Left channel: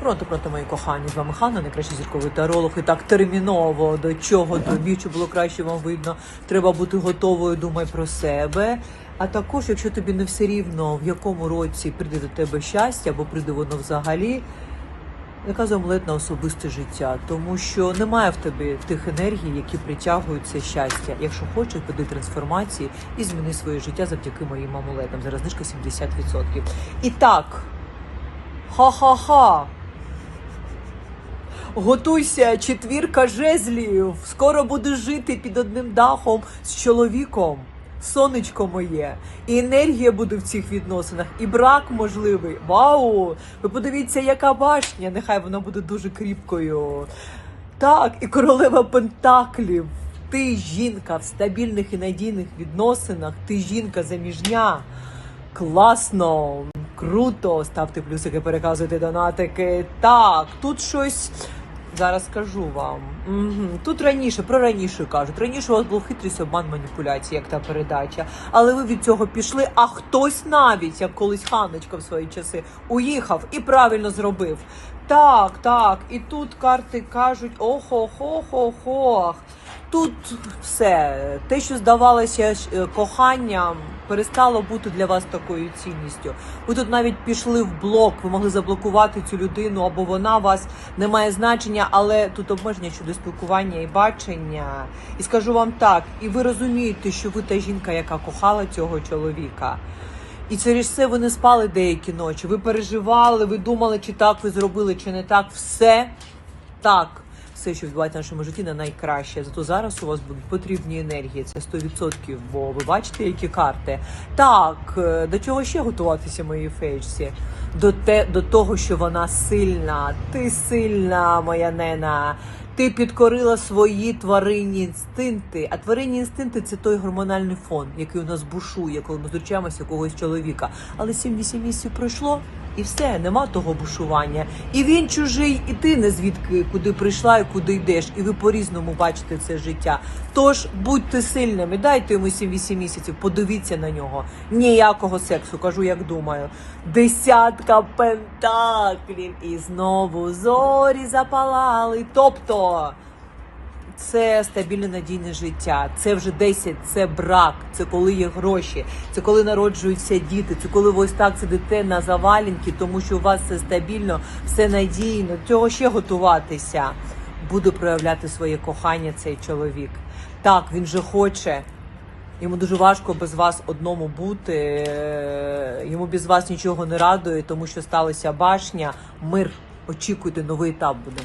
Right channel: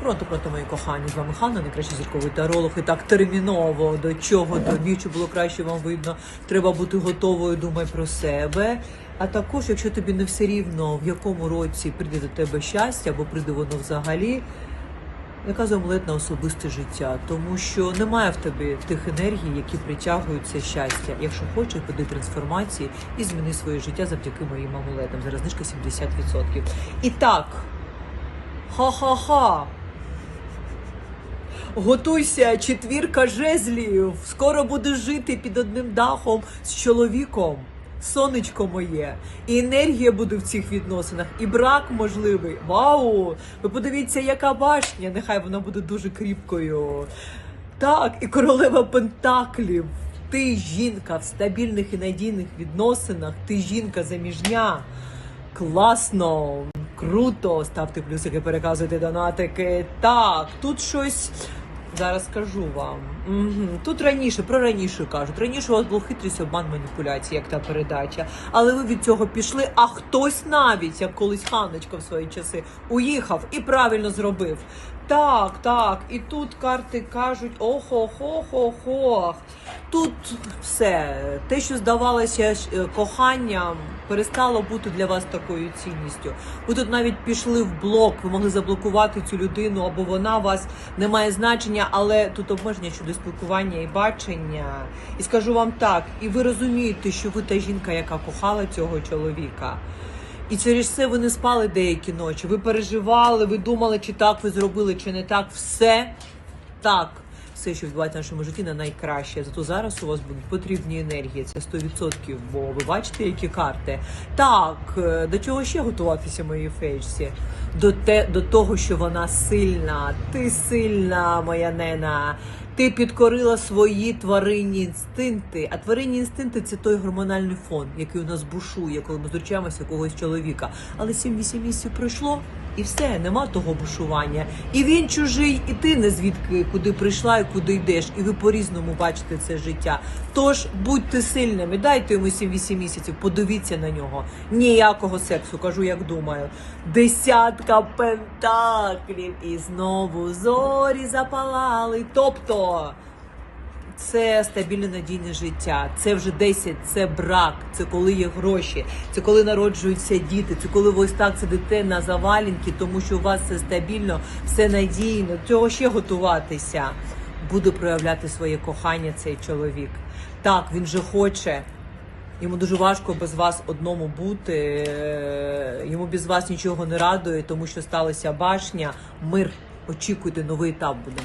Пронто, пронто, мої кохані, з вами Ханна, найкращий зірковий таролог. І так терміново до чого тобі, щоб було краще вам видно. Треба бути готовою, думай про себе. А також, якщо тобі не все рівно, в якому році прийде до тебе щастя, або прийде воно взагалі, яка омлет на особисте життя, тому що немає в тебе тих енергій, які притягують це щастя. Якщо хочеш, піди трансформації і зміни своє життя завдяки моїм амулетам. Зараз знижка 70%. І так, ха-ха-ха. Готуйся, четвірка жезлів. Скоро будеш жити під одним дахом з чоловіком. Сонечко моє, і енергія буде в цих відносинах, і брак можливий. Вау! Ви подивіться, яка башня, нехай вона буде дуже кріпкою. Так, і королева Пентаклів. Ти жінка в стабільних і надійних відносинах, ти жінка заміжня. Класно, круто. Ставте плюсики, переказуйте донатики. Так, тут щось. Зараз скажу вам. Тут раніше, про раніше кажуть. Раніше у вас був хитрість, обман, маніпуляція, як та передача. Але ви від цього пішли, а хтось навіть, як колись Ханочка в свої часи, уїхав і правильно зробив. Так, так. І тут карти кажуть: охо-хо-хо-хо. Тут все. Те, що здавалося е, коханням, перестало бути для вас такою цінністю. Ви тут навіть пішли в блок, ви могли заблокувати цю людину, або вона вас не має значення, але тут обмеження щодо спілкування і бачення. І скажу вам так, і ви розумієте, що ви та жінка, яка кохала цього чоловіка. І через це ви не спали деякі ночі. Ви переживали, ви думали, чи так ви зробили, чи не так. Все так. Все, що відбувається в нашому житті, на найкраще. Зато зараз у вас будуть потрібні енергії. Це 100%, бо ви бачите, які карти. Так, е, до чого ще готуватися моїй фейчці? До те, до того, що вона сильна. Ти сильна, моя нена. Ти підкорила свої тваринні інстинкти. А тваринні інстинкти це той гормональний фон, який у нас бушує, коли ми зустрічаємося когось чоловіка. Але 7-8 місяців пройшло. І все, нема того бушування. І він чужий, і ти не звідки куди прийшла і куди йдеш. І ви по-різному бачите це життя. Тож будьте сильними, дайте йому 7-8 місяців, подивіться на нього. Ніякого сексу, кажу, як думаю. Десятка пентаклів, і знову зорі запалали. Тобто. Це стабільне надійне життя. Це вже 10, це брак, це коли є гроші, це коли народжуються діти, це коли ви ось так сидите на завалінки, тому що у вас все стабільно, все надійно. Цього ще готуватися. Буде проявляти своє кохання цей чоловік. Так, він же хоче. Йому дуже важко без вас одному бути. е, Йому без вас нічого не радує, тому що сталася башня. Мир. Очікуйте, новий етап буде.